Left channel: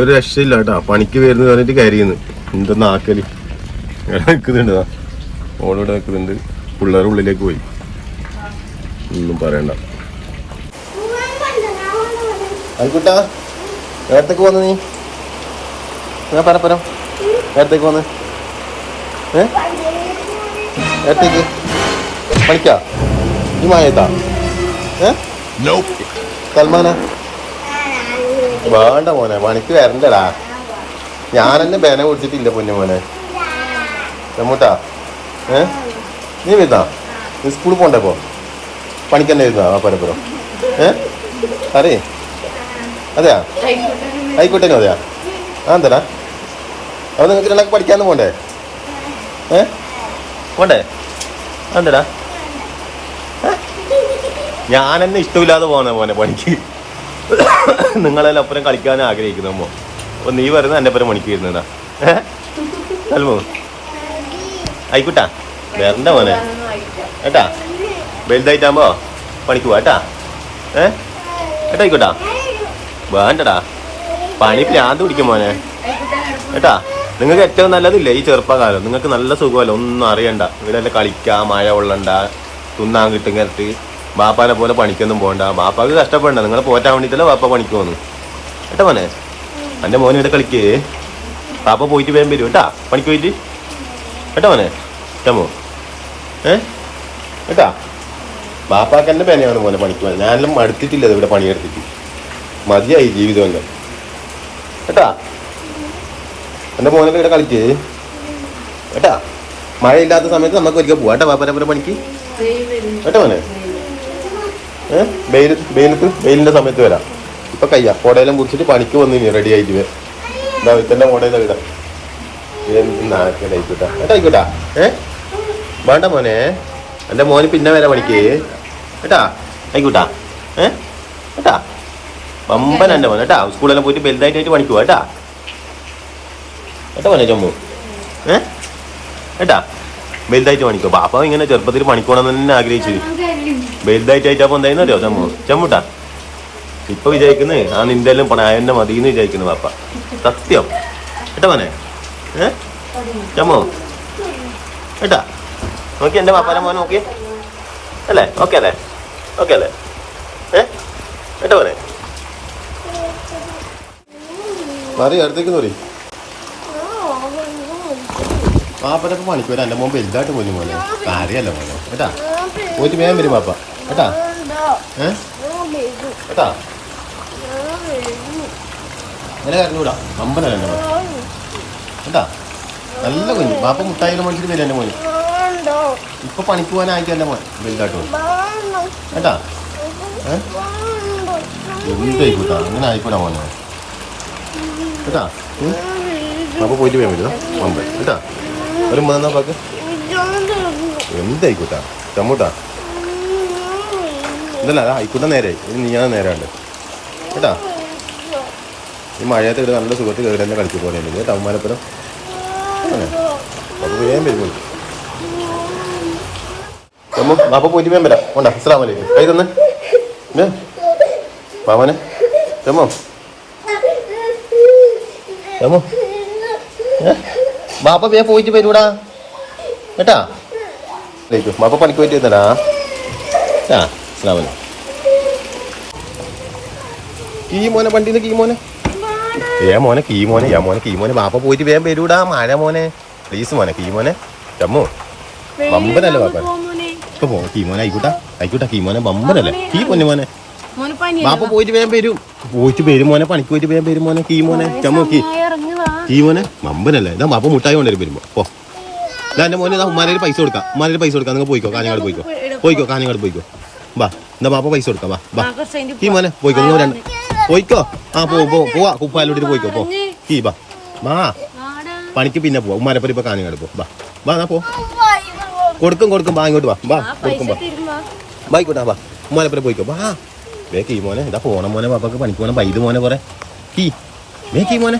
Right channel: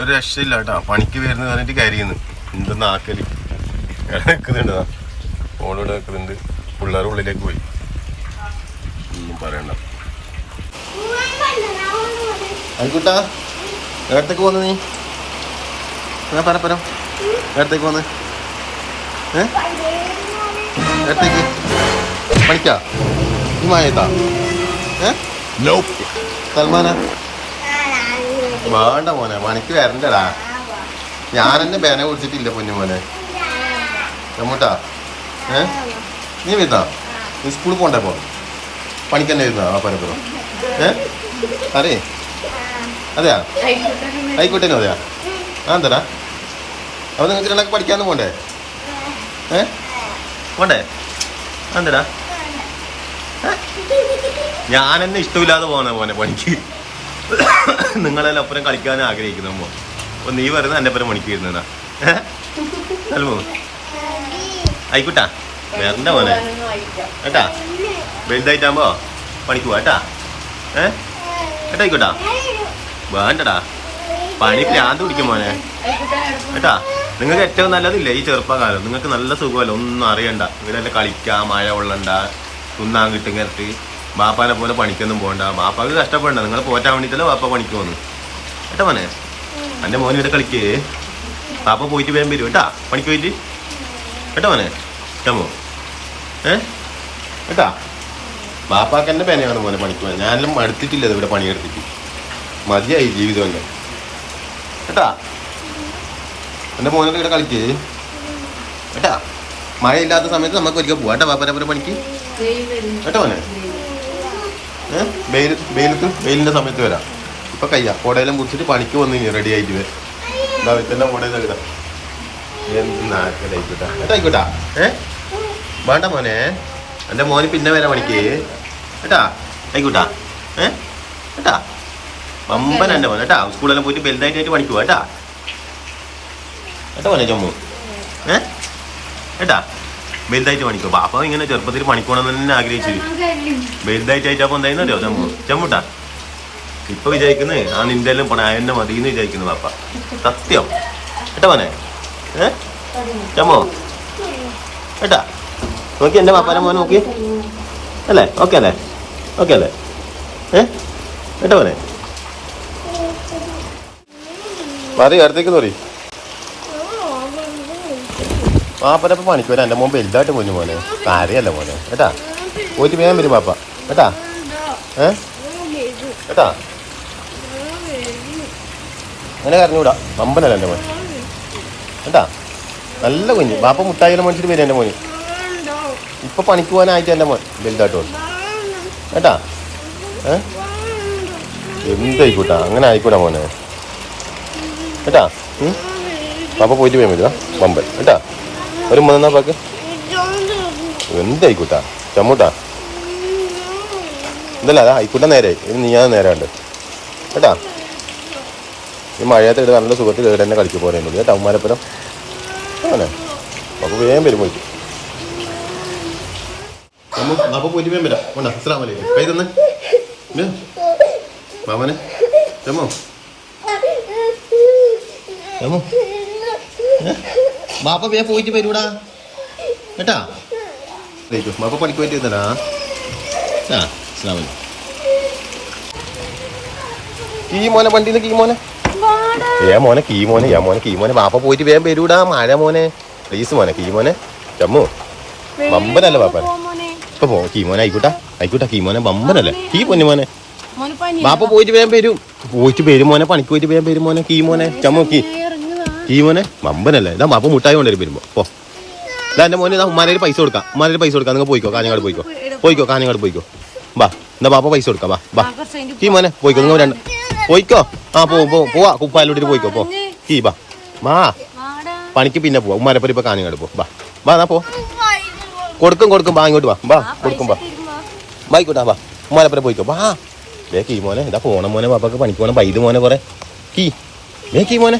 ഒരു രക്ഷയില്ല കേട്ടാ. പണിക്ക് വരുന്ന പറഞ്ഞിട്ട് കരിയുന്നു. എന്താ നാക്കൽ? നിൽക്കുന്നുണ്ട് ഓളോടെ വെക്കുന്നുണ്ട് പിള്ളേർ ഉള്ളിലേക്ക് പോയി. ഒന്നും പറയണ്ട. ആയിക്കോട്ടാ നേരത്തേക്ക് വന്ന് നീ? ഞാൻ പറ പറ. നേരത്തേക്ക് പോന്ന് ഏ? നേരത്തേക്ക്. പണിക്കാ നീ മായേട്ടാ ഏ? സൽമാന? വേണ്ട മോനെ പണിക്ക് വരണ്ടടാ. ഞാനെന്നെ ബേനെ കുടിച്ചിട്ടില്ല പൊന്നു മോനെ. എമ്മൂട്ടാ ഏ? നീ വരുന്നാ? നീ സ്കൂളിൽ പോണ്ടേ പോ പണിക്ക് തന്നെ വരുന്നാ പരപ്പുറം ഏ? അറേ അതെയാ? ആയിക്കോട്ടെ അതെയാ. ആ എന്താടാ? അവിടെ നിങ്ങൾക്ക് രണ്ടൊക്കെ പഠിക്കാന്ന് പോണ്ടേ? ഏ? പോണ്ടേ? എന്താടാ? ഞാൻ എന്നെ ഇഷ്ടമില്ലാതെ പോകുന്ന മോനെ പണിക്ക്. നിങ്ങളെല്ലാം അപ്പുറം കളിക്കാൻ ആഗ്രഹിക്കുന്നു അമ്മോ. അപ്പൊ നീ വരുന്ന എന്റെ അപ്പുറം മണിക്ക് വരുന്നതാ ഏഹ് അൽമോ ആയിക്കോട്ടാ. വരണ്ട മോനെ. കേട്ടാ? വലുതായിട്ടാകുമ്പോ പണിക്ക് പോട്ടാ ഏ? ഏട്ടാ വേണ്ടടാ. പണിക്ക് ആണ്ട് പിടിക്കും മോനെ. ഏട്ടാ നിങ്ങൾക്ക് ഏറ്റവും നല്ലതില്ലേ ഈ ചെറുപ്പകാലം? നിങ്ങൾക്ക് നല്ല സുഖമല്ല? ഒന്നും അറിയണ്ട. ഇവിടെ കളിക്കാ മഴ കൊള്ളണ്ട തിന്നാൻ കിട്ടും കിടത്തി ബാപ്പാനെ പോലെ പണിക്കൊന്നും പോകണ്ട ബാപ്പാക്ക് കഷ്ടപ്പെടണ്ട. നിങ്ങളെ പോറ്റാൻ വേണ്ടിയിട്ടല്ലേ ബാപ്പ പണിക്ക് പോന്നു കേട്ടോ മോനെ? എന്റെ മോനെ ഇവിടെ കളിക്കേ. പാപ്പ പോയിട്ട് വേഗം വരും കേട്ടാ. പണിക്ക് പോയിട്ട്. കേട്ടോ മോനെ? കേട്ടോ ഏ? കേട്ടാ? ബാപ്പാക്ക് എന്റെ പേനയാണ് മോനെ പണിക്ക് പോകാൻ ഞാനെല്ലാം മടുത്തിട്ടില്ല ഇവിടെ പണിയെടുത്തിട്ട്. മതിയായി ജീവിതം എല്ലാം. കേട്ടാ? എന്റെ മോനെ ഇവിടെ കളിക്കേ. കേട്ടാ? മഴയില്ലാത്ത സമയത്ത് നമുക്ക് ഒരിക്കൽ പോവാം. കേട്ടാ പോലെ പണിക്ക്? കേട്ടോ മോനെ? വെയിൽ വെയിലത്ത് വെയിലിന്റെ സമയത്ത് വരാം. ഇപ്പൊ കയ്യാ. കോടയെല്ലാം കുടിച്ചിട്ട് പണിക്ക് വന്നു റെഡി ആയിട്ട് എന്താ വിത്തന്റെ കോടയിലെ ഇടാം ഏ? വേണ്ട മോനെ. എന്റെ മോന് പിന്നെ വരാം പണിക്ക്. കേട്ടാ ആയിക്കോട്ടാ ഏ? കേട്ടാ പമ്പൻ എന്റെ മോനെ. കേട്ടാ സ്കൂളെല്ലാം പോയിട്ട് ബെൽഡായിട്ട് പണിക്ക് പോവാ. കേട്ടാ ഏട്ടാ മോനെ ചമ്പു? ഏ? കേട്ടാ വലുതായിട്ട് പണിക്കോ പാപ്പ ഇങ്ങനെ ചെറുപ്പത്തിൽ പണിക്കോണം തന്നെ ആഗ്രഹിച്ചു. വലുതായിട്ടായിട്ടപ്പോ എന്തായിരുന്നു അറിയോ ചമ്മു ചമ്മുട്ടാ ഇപ്പൊ വിചാരിക്കുന്നേ ആ നിന്റെല്ലാം എല്ലാം എന്നെ മതിന്ന് വിചാരിക്കുന്നു പാപ്പ സത്യം. കേട്ടോ മോനെ? ഏ? ചമ്മു കേട്ടാ? നോക്കി എന്റെ പാപ്പാനെ മോനെ നോക്കി. അല്ലേ? ഓക്കെ അല്ലേ? ഓക്കെ അല്ലേ? ഏ? കേട്ടോ മോനെ? മതി അടുത്തേക്ക് നോറി പാപ്പനപ്പം പണിക്ക് വരാം എന്റെ മുമ്പ് വലുതായിട്ട് പോയി മോനെ. ആരെയല്ല മോനെ? കേട്ടാ? പോയിട്ട് വേഗം വരും പാപ്പ. കേട്ടാ? ഏ? കേട്ടാ? നല്ല കറങ്ങൂടാ അമ്പലം കണ്ടോ കേട്ടാ? നല്ല കുഞ്ഞു. പാപ്പ മുട്ടായിരം മേടിച്ചിട്ട് വരും എന്റെ മോന്. ഇപ്പൊ പണിക്ക് പോകാനായിട്ട് എന്റെ മോൻ? വലുതായിട്ട്? കേട്ടാ? ഏ? എന്തായിക്കോട്ടാ? അങ്ങനെ ആയിക്കോട്ടെ മോനെ. കേട്ടാ? പാപ്പ പോയിട്ട് വേഗം വരുവാ പമ്പൻ കേട്ടാ? ഒരു മൂന്നാം പാക്ക്. എന്തായിക്കോട്ടാ? ചമ്മൂട്ടാ? ഇതല്ല അതാ ആയിക്കോട്ടെ നേരെ. ഇത് നീ ഞാൻ നേരാണ്ട് കേട്ടാ? ഈ മഴയത്ത് ഇവിടെ നല്ല സുഖത്ത് കേട് തന്നെ കളിച്ചു പോകുന്നുണ്ട് കേട്ടോ അമ്മാരപ്പുറം അങ്ങനെ അപ്പോൾ വേഗം വരും പോയി അപ്പോൾ പോയിട്ട് വേഗം വരാം. കൊണ്ടാ അസ്സലാം വലൈക്കും കൈ തന്നെ? മാമനെ ചമ്മു? ചമ്മു? ബാപ്പ വേ പോയിട്ട് വരൂടാ. കേട്ടാ? ബാപ്പ പണിക്ക് പോയിട്ട് വരുന്നടാ ആ. വലൈക്കും ഈ മോനെ വണ്ടിയിൽ കീ മോനെ. ഏ മോനെ കീ മോനെ ആ മോനെ കീ മോനെ. ബാപ്പ പോയിട്ട് വേഗം വരൂടാ. മഴ മോനെ. പ്ലീസ് മോനെ കീ മോനെ. ചമ്മു ബമ്പനല്ലേ ബാപ്പ ഇപ്പൊ പോ കീ മോനെ ആയിക്കോട്ടെ. ആയിക്കോട്ടെ കീ മോനെ ബമ്പനല്ലേ കീ പൊന്നു മോനെ. ബാപ്പ പോയിട്ട് വേഗം വരും. പോയിട്ട് വരും മോനെ പണിക്ക് പോയിട്ട് വേഗം വരും മോനെ കീ മോനെ. ചമ്മു കീ കീ മോനെ ബമ്പനല്ലേ ഇതാ ബാപ്പ മുട്ടായി കൊണ്ടുവരും വരുമ്പോ. പോ. ഇതാ എന്റെ മോനെ ഇതാ ഉമ്മാരെ പൈസ കൊടുക്കാം. ഉമ്മാരെ പൈസ കൊടുക്കാം. നിങ്ങൾ പോയിക്കോ കാഞ്ഞങ്ങാട് പോയിക്കോ. പോയിക്കോ കാഞ്ഞങ്ങാട് പോയിക്കോ. ബാ എന്നാ ബാപ്പ പൈസ കൊടുക്കാം വാ വാ. കീ മോനെ പോയിക്കോ നിങ്ങൾ രണ്ട്. പോയിക്കോ? ആ പോ പോ പോവാ കുപ്പാലോട്ടിട്ട് പോയിക്കോ പോ. കീ വാ. മാ പണിക്ക് പിന്നെ പോവാ. ഉമ്മാരെപ്പരി ഇപ്പൊ കാഞ്ഞങ്ങാട് പോ. വാ. വാ എന്നാ പോ. കൊടുക്കും കൊടുക്കും വാ ഇങ്ങോട്ട് വാ. വാ കൊടുക്കും വാ. ബൈക്കോട്ടാ വാ. ഉമ്മാരെപ്പരി പോയിക്കോ വാ. വേ കീ മോനെ ഇതാ പോണ മോനെ പാപ്പക്ക് പണിക്ക് പോണം പൈത് മോനെ കുറെ. കീ വേ കീ മോനെ.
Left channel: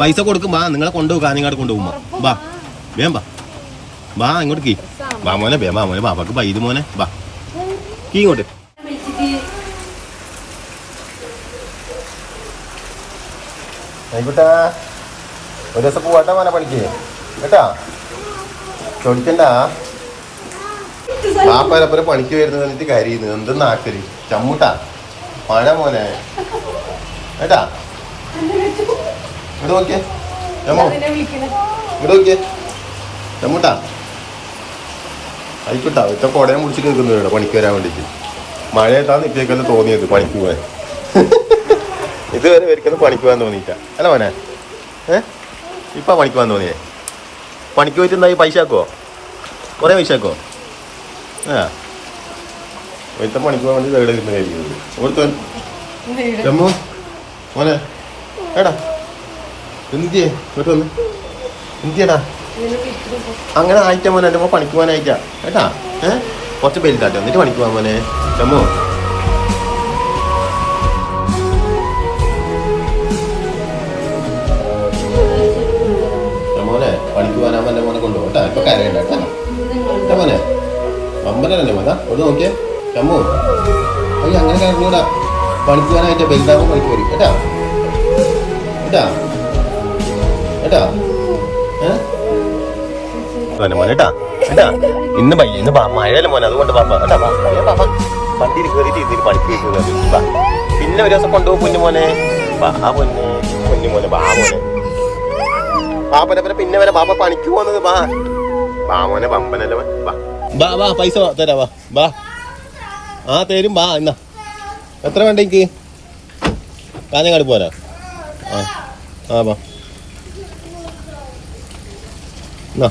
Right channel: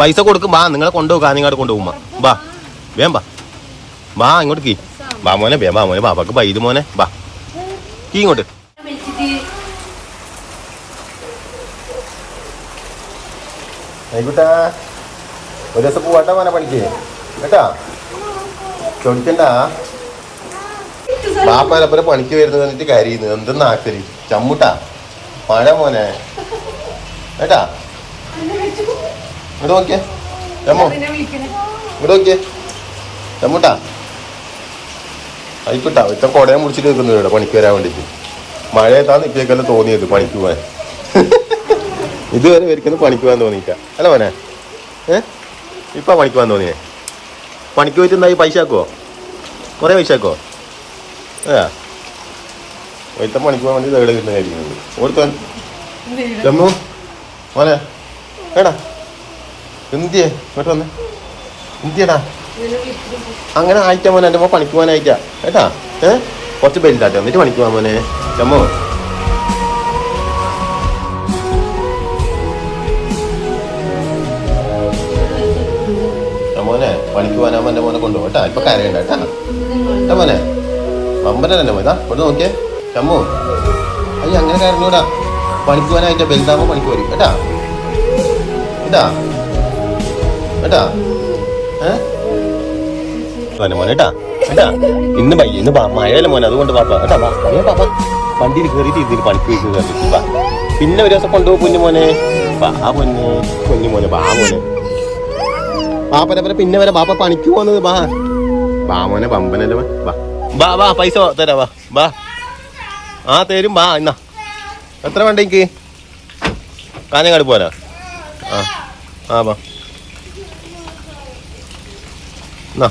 പൈസ കൊടുക്കും വാ നിങ്ങളെ കൊണ്ടുപോകും കാഞ്ഞങ്ങാട് കൊണ്ടുപോകും വാ. വേം വാ. ബാ ഇങ്ങോട്ട് കീ. ബാ മോനെ ബേ ബാ മോനെ ബാബാക്ക് പൈത് മോനെ ബാ ഇങ്ങോട്ട്. ഒരു ദിവസം പോട്ടെ മോനെ കേട്ടാ ചോദിക്കണ്ട പാപ്പരപ്പുറം പണിക്ക് വരുന്ന പറഞ്ഞിട്ട് കരയുന്നു. എന്തെന്ന് ആക്കരി ചമ്മുട്ടാ. പാടാ മോനെ. കേട്ടാ ഇവിടെ നോക്കിയേ. ഇവിടെ നോക്കിയേ. ചമ്മുട്ടാ. ആയിക്കോട്ടാ അവിടുത്തെ കുടയെ മുറിച്ചിട്ട് ഇവിടെ പണിക്ക് വരാൻ വേണ്ടിട്ട് മഴയേക്കാൾ നിർത്തിയേക്കാളും തോന്നിയത് പണിക്ക് പോയാൽ ഇതുവരെ ഒരിക്കലും പണിക്ക് പോകാൻ തോന്നിയിട്ട അല്ല മോനെ? ഏ? ഇപ്പൊ പണിക്ക് പോകാൻ തോന്നിയേ? പണിക്ക് പോയിട്ടുണ്ടായി പൈസ ആക്കുമോ മഴ പൈസ ആക്കുമോ ഏത്ത ഒറ്റ പണിക്ക് പോകാൻ എവിടെ കിട്ടുന്നതായിരിക്കുന്നത് ഓർത്തോ ജമ്മു? മോനെ? എടാ. എന്തിയേ വന്നു. എന്തിയടാ അങ്ങനെ അയച്ചാ മോനെ എന്റെ പണിക്ക് അയച്ചാ കേട്ടാ? ഏ? കുറച്ച് ബെൽറ്റാട്ടെ എന്നിട്ട് പണിക്ക് പോകാൻ മോനെ. നമ്മ മോനെ പണിക്ക് എന്റെ മോനെ കേട്ടാ? കരയണ്ട കേട്ടാ? ഒന്ന് നോക്കിയേ. അയ്യ അങ്ങനെ പണിക്ക് കേട്ടാ? കേട്ടാ? മോനെ മോനെ കേട്ടാ ഇന്ന് ഇന്ന് മോനെ അതുകൊണ്ട്. പിന്നെ ഒരു ദിവസം കൊണ്ടുപോകും മോനെ. പിന്നെ വരെ ബാപ്പ പണിക്ക് പോകുന്നത് ബാ ബാ മോനെ വാ. വാ പൈസ തരാ വാ വാ. ആ തരും വാ എന്നാ എത്ര വണ്ടിക്ക് കാഞ്ഞങ്ങാട് പോരാ. ആ ആ വാ. എന്നാ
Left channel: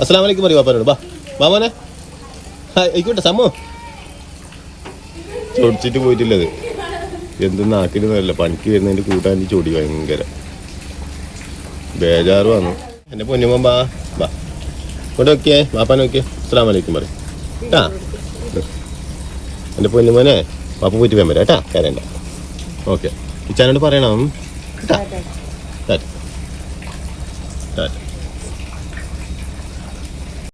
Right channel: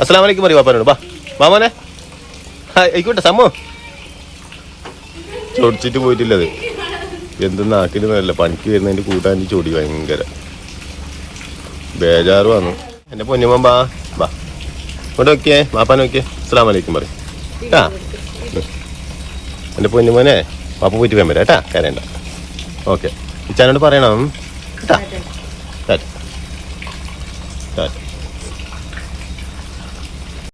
അസ്സലാം വലൈക്കും പറയും പാപ്പനോട് ബാ മാമോനെ. ആയിക്കോട്ടെ സമ്മോ ചൊടിച്ചിട്ട് പോയിട്ടില്ലത് എന്ത് നാട്ടിലൊന്നുമല്ല പനിക്ക് വരുന്നതിന്റെ കൂട്ടാൻ ചൊടി ഭയങ്കര. ബേജാറ് വന്നു എന്റെ പൊന്നുമോൻ ബാ ബാ. ഇവിടെ നോക്കിയേ പാപ്പാൻ നോക്കിയേ. അസ്സലാം വലൈക്കും പറയും. കേട്ടാ എന്റെ പൊന്നുമോനെ പാപ്പ പോയിട്ട് പോയാൻ വരാം കേട്ടാ കരയണ്ട. ഓക്കെ. ഇച്ചാനോട് പറയണം. കേട്ടാ. ടാറ്റ.